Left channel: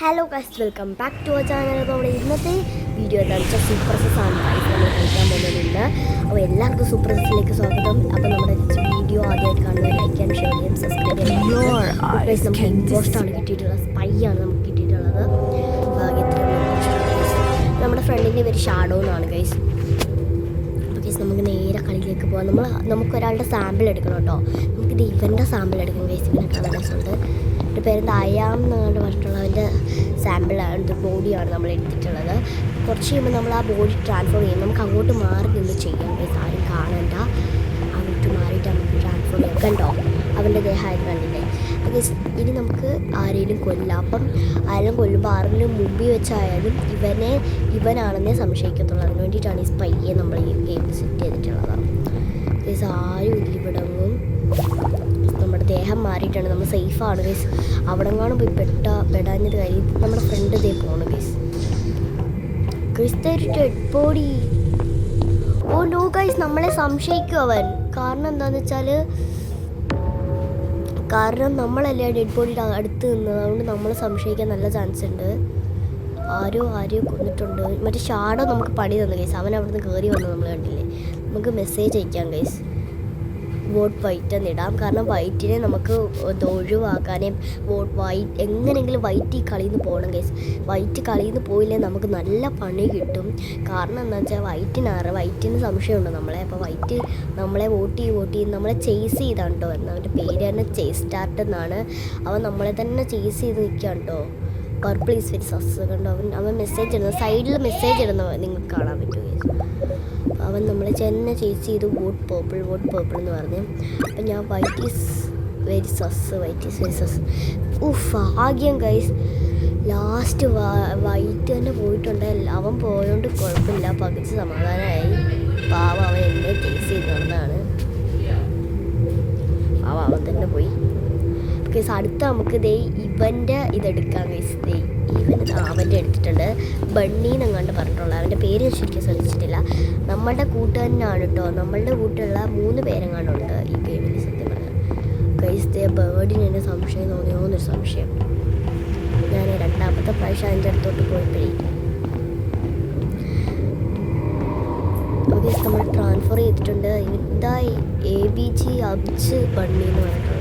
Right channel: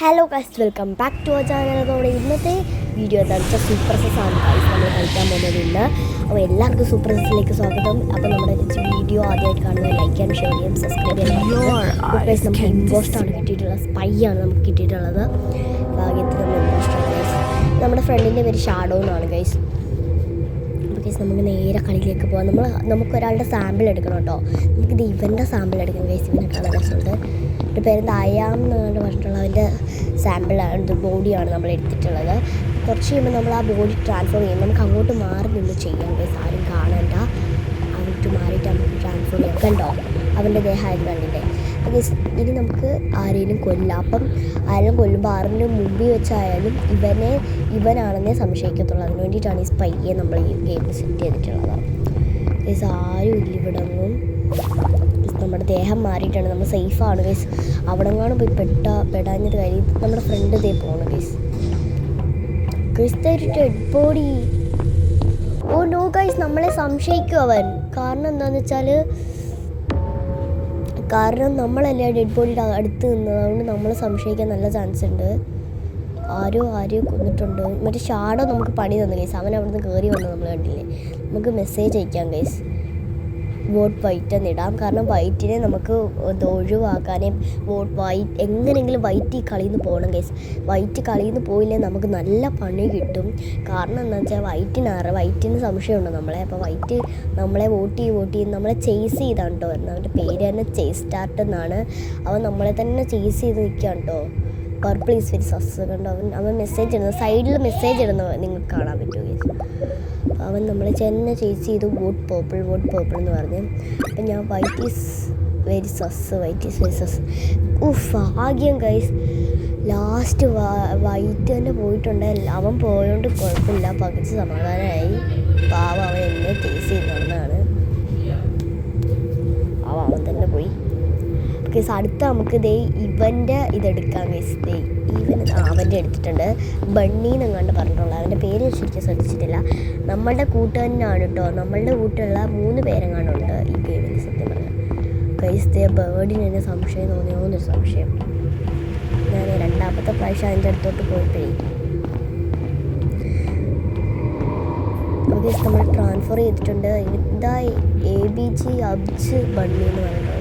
Hello guys, welcome back to our channel. അപ്പോൾ നമ്മുടെ ഇന്നത്തെ വീഡിയോ എന്താണെന്ന് വെച്ചാൽ സൂപ്പർ സെസ് ആണ് ഗൈസ് നമ്മൾ കളിക്കാൻ പോകുന്നത് ഇന്ന്. അപ്പോൾ എല്ലാവർക്കും സൂപ്പർ സെസിലേക്ക് സ്വാഗതം. അപ്പോൾ നമ്മുടെ വീഡിയോ ആദ്യമായിട്ട് കാണുന്നത് ലൈക്ക് ചെയ്യാൻ, ഷെയർ ചെയ്യാൻ, സബ്സ്ക്രൈബ് ചെയ്യാൻ. നമുക്ക് ഇമ്പോസ്റ്റാണ് കിട്ടിയിട്ടുള്ളത്, സ്പൈ ആണ് നമുക്ക് കിട്ടിയിട്ടുള്ളത്. ഭാഗ്യത്തിൽ നമ്മൾ ഇമ്പോസ്റ്റാണ് ഗൈസ്. നമ്മുടെ ഫ്രണ്ടിൻ്റെ പേര് ഷാഡോ എന്നാണ് ഗൈസ്. അപ്പോൾ ഗൈസ് നമുക്ക് നേരെ കളിയിലേക്ക് പോകാം. നമുക്കൊരാളുടെ സാമ്പിൾ എടുക്കണം കേട്ടോ. നമുക്കിത് ഇവൻ്റെ സാമ്പിൾ എടുക്കാം ഗൈസ്. ഇവനെ കാണാൻ രസമുണ്ട്. എൻ്റെ പേരെന്താ അയാം എന്നങ്ങാണ്ട് പറഞ്ഞിട്ടുള്ള അവൻ്റെ സാമ്പിളാണ്, ബോഡിയാണ് നമ്മൾ എടുത്തിട്ടുള്ളത്. കുറച്ച് കഴിയുമ്പോൾ നമ്മൾ ആ ബോഡി ട്രാൻസ്ഫോം ചെയ്യും. നമുക്ക് അങ്ങോട്ട് മാറി നിന്ന് ചെയ്യാം ഗൈസ്, ആരും കാണണ്ട. അങ്ങോട്ട് മാറിയിട്ട് നമുക്ക് ട്രാൻസ്ഫോം ചെയ്യാം. കണ്ടോ അവൻ്റെ ദേഹമായിരുന്നു കണ്ടില്ലേ. ഗൈസ് ഇനി നമുക്ക് ആരെങ്കിലും കൊല്ലാം. അപ്പം ആരെങ്കിലും കൊല്ലുമ്പോൾ ആരെങ്കിലും മുമ്പിൽ വെച്ചായാലും ഇവനാണെന്നേ സംശയിക്കത്തുള്ളൂ. അതിന് വേണ്ടിയിട്ടാണ് ഈ സ്പൈയെ നമ്മൾ ഈ ഗെയിം സെറ്റ് ചെയ്തിട്ടുള്ളത്. ഗൈസ് ആരും ഇല്ലിവിടങ്ങും. നമ്മുടെ ദേഹം മാറിയിട്ടാണ്, നമ്മൾ സേഫാണ് ഗൈസ്. അവിടെങ്ങാനും പോയി പെടാഞ്ഞത് കാര്യം നമ്മുടെ ഫ്രണ്ട് ഇതേ പോകണം ഗൈസ്. ഗൈസ് ഒരു dead body. Oh no guys, നമ്മളെ സംശയിക്കും അവൻ. കാരണം എന്താണെന്ന് വെച്ചാൽ നമ്മളല്ലേ ഡെഡ് ബോഡിയുടെ അടുത്ത് നിന്നത്. അതുകൊണ്ട് നമ്മളെ സംശയിക്കാൻ നല്ല ചാൻസ് ഉണ്ട്. ആരെയോ കൊന്നിട്ടുണ്ട്. മറ്റേ ഷാഡോ നമുക്ക് പണി തന്നു ഗൈസ്. അവൻ അവിടെ നിന്ന് കയറി വന്നത് നമ്മൾ കണ്ടില്ലേ. നമുക്ക് മെസ്സേജ് അയക്കാം ഗൈസ്, വോട്ട് വൈറ്റ് എന്നിടാം. കാരണം വൈറ്റിനെ നമുക്ക് ഒഴിവാക്കാനേ വൈറ്റ് എങ്ങനെയെങ്കിലും വൈറ്റ് ഈ കളിയിൽ നിന്ന് പോകണം ഗൈസ്. വൈറ്റ് കളിയിൽ നിന്ന് പോയില്ലേ നമുക്ക് നല്ല പണി കിട്ടും. കാരണം എന്താണെന്ന് വെച്ചാൽ വൈറ്റിന് സംശയമുണ്ട് നമ്മളെ. അപ്പോൾ വൈറ്റ് നമ്മളെ വോട്ട് ചെയ്ത് നമ്മളെ ചേസ് ചെയ്താണ് കേട്ടോ വരുന്നത്. അവൻ്റെ പേര് തന്നെ ചേസ് സ്റ്റാർട്ട് എന്നാണ്. അവൻ നമ്മളെ തന്നെ ചേസ് ചെയ്ത് നിൽക്കുകയാണ് കേട്ടോ. പർപ്പിൾ ഈസ് വെരി സസ് കണ്ടോ. അവൻ മെസ്സേജ് ഇടുന്നത്, സൈഡിൽ മെസ്സേജ് ഇടുന്നത് നിങ്ങൾക്ക് കാണാൻ പറ്റുമോ ഗൈസ്. അവൻ നമ്മളെ ചെന്നെ ചേസ് ചെയ്തു വോട്ട് പേർപ്പിൾ എന്ന് പറഞ്ഞ്. അപ്പം ഞാൻ വൈറ്റ് ഈസ് വെരി സസ്. ഭാഗ്യം ഗൈസ്, ലാസ്റ്റ് വൈറ്റ് തന്നെ പോയിട്ടുണ്ട്. അവൻ പോയോണ്ട് കുഴപ്പമില്ല, പകുതി സമാധാനമായി. പാവം അവൻ എന്നെ ചേസ് ചെയ്ത് നടന്നതാണ്. അവൻ തന്നെ പോയി ഗൈസ്. അടുത്ത നമുക്ക് ഇവൻ്റെ ഇതെടുക്കാം ഗൈസ്. അവൻ്റെ എടുത്തിട്ടുണ്ട്. ബണ്ണി എന്നങ്ങാണ്ട് പറഞ്ഞിട്ടുള്ളത്. അവൻ്റെ പേര് ശരിക്കും ശ്രദ്ധിച്ചിട്ടില്ല. നമ്മളുടെ കൂട്ടുകാരനാണ് കേട്ടോ. നമ്മളുടെ കൂട്ടുള്ള 3 പേരെങ്ങാണ്ടുണ്ട് ഈ ഗെയിമിൽ സത്യം പറഞ്ഞാൽ ഗൈസ്. ബേർഡിന് എന്നെ സംശയം തോന്നിയോന്നൊരു സംശയം. ഞാൻ 2ാമത്തെ പ്രാവശ്യം അതിൻ്റെ അടുത്തോട്ട് പോയപ്പോഴേ ഗൈസ് നമ്മൾ ട്രാൻസ്ഫർ ചെയ്തിട്ടുണ്ട്. ഇതാ ABG അബ്ജ് ബണ്ണി എന്ന് പറഞ്ഞിട്ടുള്ളത്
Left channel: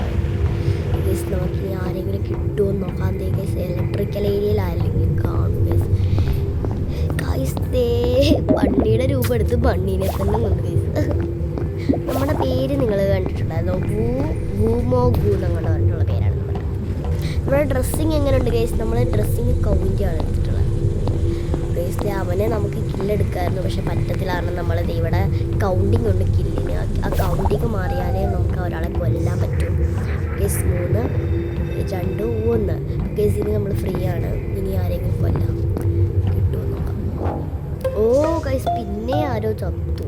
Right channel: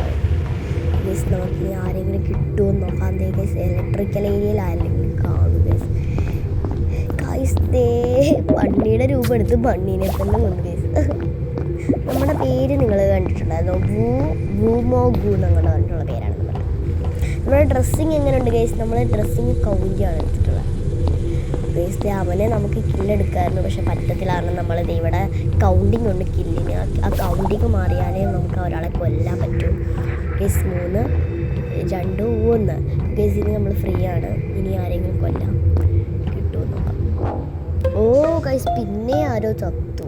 ഗൈസ്. നമുക്ക് ഇനി ആരെങ്കിലും കിട്ടുമോ എന്ന് നോക്കാം. ഗൈസ് ഇലക്ട്രിക്കൽ ഏരിയയിൽ ആരെങ്കിലും കാണും ഗൈസ്. ബണ്ണിയുടെ രൂപം എടുത്ത് ബണ്ണീനെ തന്നെ കൊണ്ട് ഗൈസ്. നമ്മുടെ പേര് നിങ്ങൾ കണ്ടിട്ടുണ്ടായിരുന്നു, വൂമോ ഗൂ എന്നങ്ങനെ പറഞ്ഞിട്ടുള്ള പേരാണ് നമ്മുടെ ഡ്രസ്സിങ് എങ്ങനെയുണ്ട് ഗൈസ്. നമ്മൾ ഡ്രസ്സിങ് കൗണ്ടിയാണ് എടുത്തിട്ടുള്ളത് ഗൈസ്. അവനെ നമുക്ക് കില്ലെടുക്കാമായിരുന്നു, പക്ഷെ പറ്റത്തില്ല. കാരണം നമ്മൾ ഇവിടെ കൗണ്ടിങ് ഉണ്ട് കില്ലിന്. ആ കൗണ്ടിങ് മാറിയാലേ നമുക്ക് ഒരാളെ കൊല്ലാൻ പറ്റും ഗൈസ്. 3, 2, 1 ഗൈസ്. ഇനി നമ്മൾ ഫ്രീ ആണ്. ഇനി ആരെങ്കിലും കൊല്ലാം കിട്ടുമോ നോക്കാം. ഓ ഗൈസ്, പിന്നെ ആരോ ചത്തു.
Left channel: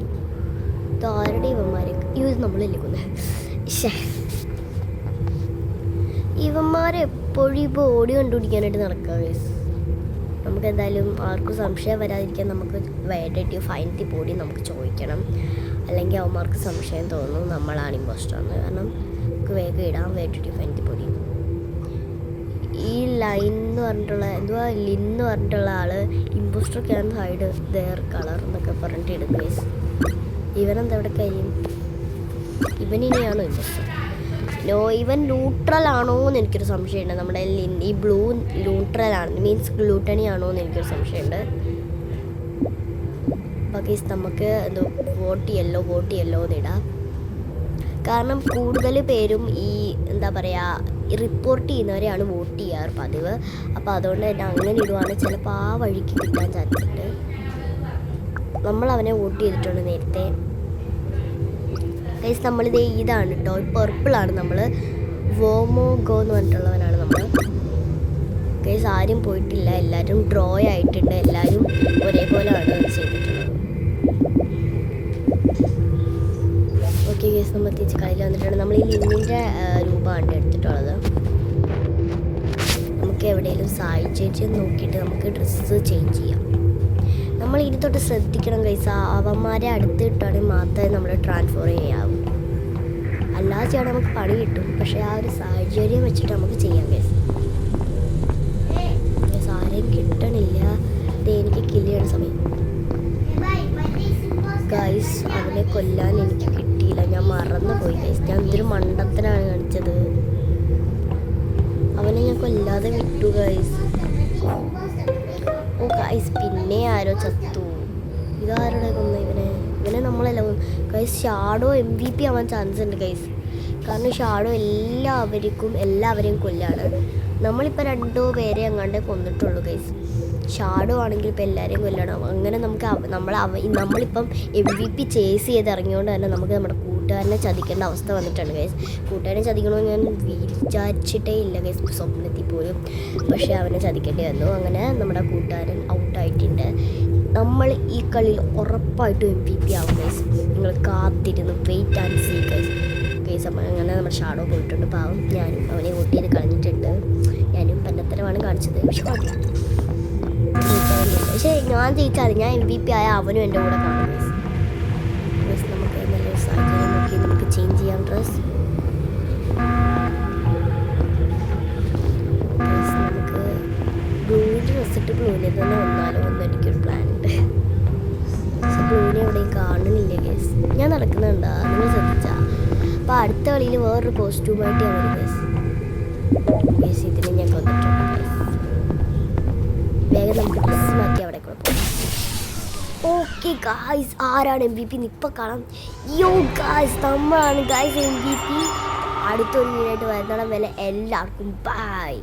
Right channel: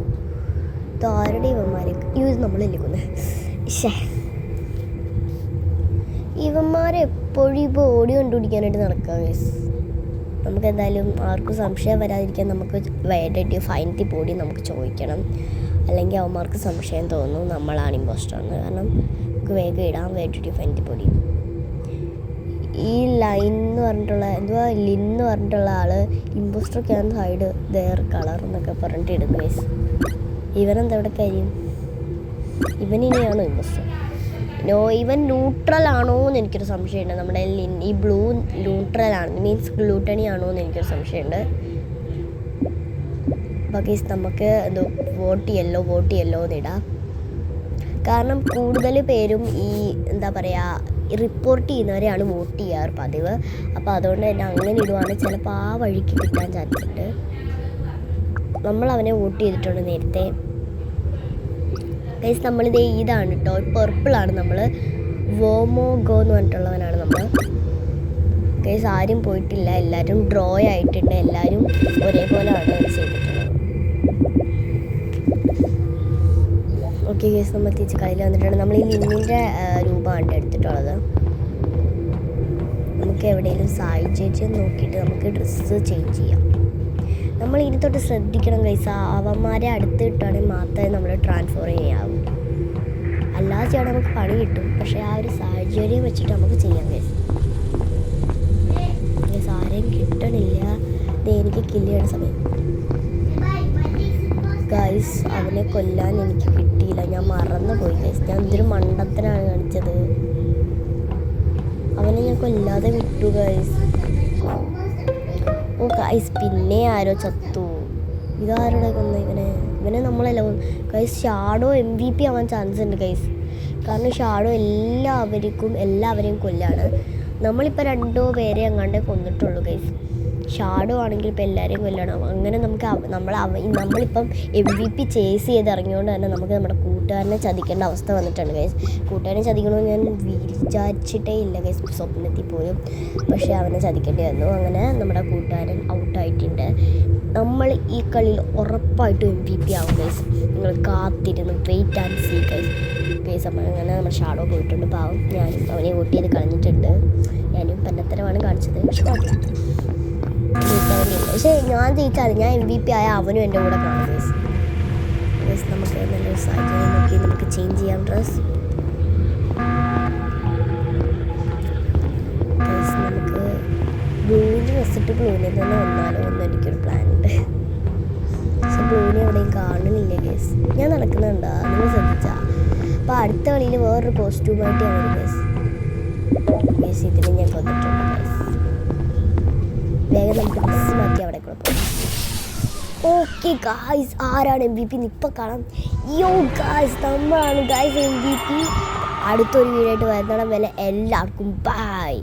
ഇതാരുടെ ഇവന്മാരെ നമ്മളല്ലേ കൊന്നത്. ഇവന്മാരെ എപ്പോഴും ഇപ്പോൾ ഓടി കണ്ടുപിടിക്കാനായിട്ട് നടക്കുക ഗൈസ്. നമുക്ക് എന്തായാലും ആർക്കും സംശയം വരാതിരിക്കാൻ നമുക്ക് വേണ്ടിയിട്ട് ഫൈനത്തി ബോഡി നമുക്ക് ചോദിക്കണം. അല്ലെങ്കിൽ അവന്മാർക്ക് സംശയം തോന്നും നമ്മളാണ് ഇമ്പോസ്റ്ററാണ്. കാരണം നമുക്ക് വേഗം ഇടാൻ വേണ്ടിയിട്ട് ഫൈനത്തി ബോഡി. ഈ ലൈൻ എന്ന് പറഞ്ഞിട്ടുള്ള ലിൻ എന്ന് പറഞ്ഞിട്ടുള്ള ആൾ ഇമ്പോസ്റ്ററൊക്കെയാണ് സൈഡ് ദെയർ കളർ എന്നൊക്കെ പറഞ്ഞിട്ട് ഇടും ഗൈസ്. ഇവനെന്താ ഇവിടെ കാര്യം? ഇവനിനെയാണോ ഇമ്പോസ്റ്റർ? ഇവൻ ന്യൂട്രൽ ആണോ എന്ന് എനിക്കൊരു സംശയമുണ്ട്. നമ്മുടെ ഈ ബ്ലൂ ന്യൂട്രൽ ആണ്, മീൻസ് ഗ്ലൂട്ടണി ആണോ എന്ന് എനിക്കൊരു സംശയമുണ്ട്. അപ്പോൾ ഗൈസ് നമുക്ക് വോട്ട് ചെയ്യല്ലോ എന്നിടാം. കാരണം കൂടുതൽ പേരും ഈ എന്താ പറയുക റിപ്പോർട്ട് ചെയ്യുന്നവരെയാണ് വോട്ട് ചെയ്യാറ് പതിവ്. അപ്പോൾ അതുകൊണ്ട് തന്നെ അങ്ങനെ ഇടുവാണെങ്കിൽ ചിലപ്പോൾ ആ വഴിക്ക് കിട്ടാൻ ചാൻസ് ഉണ്ട്. നമ്മൾ അവനെ വോട്ട് ചെയ്തിട്ടുണ്ട് നേരത്തെ ഗൈസ്. നമ്മളിത് ഇതാണ് കേട്ടോ, പർപ്പിളാണ്. നമ്മൾ വോമോ ഗോ എന്ന് പറഞ്ഞിട്ടുള്ളവനാണ് നമ്മൾ ഗൈസ്. ആരും പോയിട്ടില്ല, എല്ലാവരും ഡ്രോ ആയിട്ടുണ്ട്. എല്ലാവരും ഒരേപോലെയാണ് ചെയ്തിട്ടുള്ളത്. ഓക്കെ ഗൈസ്, നമ്മൾ തിരിച്ച് കളിയിൽ വന്നിട്ടുണ്ട്. നമ്മൾ ഈ ലിന്നിൻ്റെ രൂപമാണ് എടുത്തിട്ടുള്ളത്. നമുക്ക് എവിടെയെങ്കിലും സാഹചര്യം നോക്കിയിട്ട് നമുക്ക് ഡ്രസ്സ് ചേഞ്ച് ചെയ്യാം. നമ്മൾ ഇനി തൊട്ട് ശ്രദ്ധിക്കണം ഗൈസ്. അവന്മാരെ അടുത്ത് കിട്ടുകയാണെങ്കിൽ മാത്രമേ നമ്മൾ ട്രാൻസ്ഫർ ചെയ്യാവൂ. അല്ലാതെ ചെയ്യാൻ നമുക്ക് പണി കിട്ടും. പക്ഷേ ആ ഒരു സാഹചര്യം വെച്ചിട്ട് നമുക്ക് ചെയ്യാൻ കഴിയും. കിട്ടണില്ല. ഇത് എനിക്ക് കില്ല് ചെയ്യണ സമയം. ഗൈസ് അവനെ കൊല്ലാൻ എനിക്ക് കിട്ടിയില്ല, ഞാൻ മറന്നുപോയി ഗൈസ്. ഞാൻ എന്തൊരു മണ്ടത്തിനാണ് കാണിച്ചത്. അവനെ ഞാൻ കൊല്ലാതെ വിട്ടു ഗൈസ്. ഓ ഗൈസ് പിന്നെ ആരോ ചത്തു. ഇതാരുടെ കൊന്നു ഇവനെ നമ്മളല്ല ഗൈസ്. ഷാഡോ MVP ആവാൻ ചാൻസ് ഉണ്ട് ഗൈസ്. കാരണം ഷാഡോ എല്ലാവരെയും കൊല്ലാണ്. നമ്മളിപ്പോൾ 2 പേരെ അങ്ങാണ്ടേ കൊന്നിട്ടുള്ളൂ ഗൈസ്. ഷാഡോ ആണെങ്കിൽ ഇപ്പോൾ എല്ലാവരെയും കൊല്ലണം. അങ്ങനെ നമുക്ക് നമ്മളിപ്പം MVP ചേസ് ചെയ്ത് ഇറങ്ങിയോണ്ട് തന്നെ നമുക്ക് നമ്മുടെ കൂട്ടുകാരനെ ചതിക്കേണ്ട അവസ്ഥ വന്നിട്ടുണ്ട് ഗൈസ്. കൂട്ടുകാരനെ ചതിക്കണമെന്ന് ഞാൻ വിചാരിച്ചിട്ടേ ഇല്ല ഗൈസ്, സ്വപ്നത്തിൽ പോലും. പക്ഷേ അവനെ ചതിക്കേണ്ടി വന്നു. അങ്ങനെ നമ്മുടെ കൂട്ടുകാരൻ ഔട്ടായിട്ടുണ്ട്. നമ്മൾ ഈ കളിയിൽ ഉറപ്പായിട്ടും MVP ആവും ഗൈസ്. നിങ്ങൾ കാത്തിരുന്ന് വെയിറ്റ് ആൻഡ് സീ ഗൈസ്. അപ്പം അങ്ങനെ നമ്മുടെ ഷാഡോ പോയിട്ടുണ്ട്. പാവം ഞാനും അവനെ വോട്ട് ചെയ്ത് കളഞ്ഞിട്ടുണ്ട്. ഞാനും പന്നത്തരമാണ് കാണിച്ചത്. പക്ഷേ ഞാൻ ജയിച്ചാൽ ഞാൻ MVP ആയ അവനും എൻ്റെ കൂടെ കാണും ഗൈസ്. നമുക്ക് നല്ലൊരു സാഹചര്യം നോക്കി നമുക്ക് ചേഞ്ച് ചെയ്യാം ഡ്രസ്. നമുക്ക് ബ്ലൂവിൻ്റെ ഡ്രസ് ഇട്ട് ബ്ലൂവിനെ തന്നെ വന്നാലോ എന്ന് എനിക്കൊരു പ്ലാൻ ഉണ്ട്. പക്ഷെ ബ്ലൂവിനെ എവിടെയും കാണുന്നില്ല ഗൈസ്. ഞാൻ നടക്കുന്നുണ്ടാ, നിങ്ങൾ ശ്രദ്ധിച്ചാ? അപ്പോൾ അടുത്ത കളിയിൽ വേറൊരു കോസ്റ്റ്യൂമായിട്ട് ഞാൻ വരും ഗൈസ്. ഗൈസ് ഇതിനെ ഞാൻ കൊന്നിട്ടുണ്ട് ഗൈസ്. വേഗം നമുക്ക് ഡ്രസ്സ് മാറ്റി അവിടെ കൂടെ പോകാം. ഓക്കെ ഗായ്സ്, ആരാണ് MVP ഇപ്പം കാണാം. യോ ഗായ്സ്, നമ്മളാണ് ഗായ്സ് MVP. അടുത്തൊരു വീഡിയോ ആയിട്ട് വരുന്നിടം വരെ എല്ലാവർക്കും ബൈ.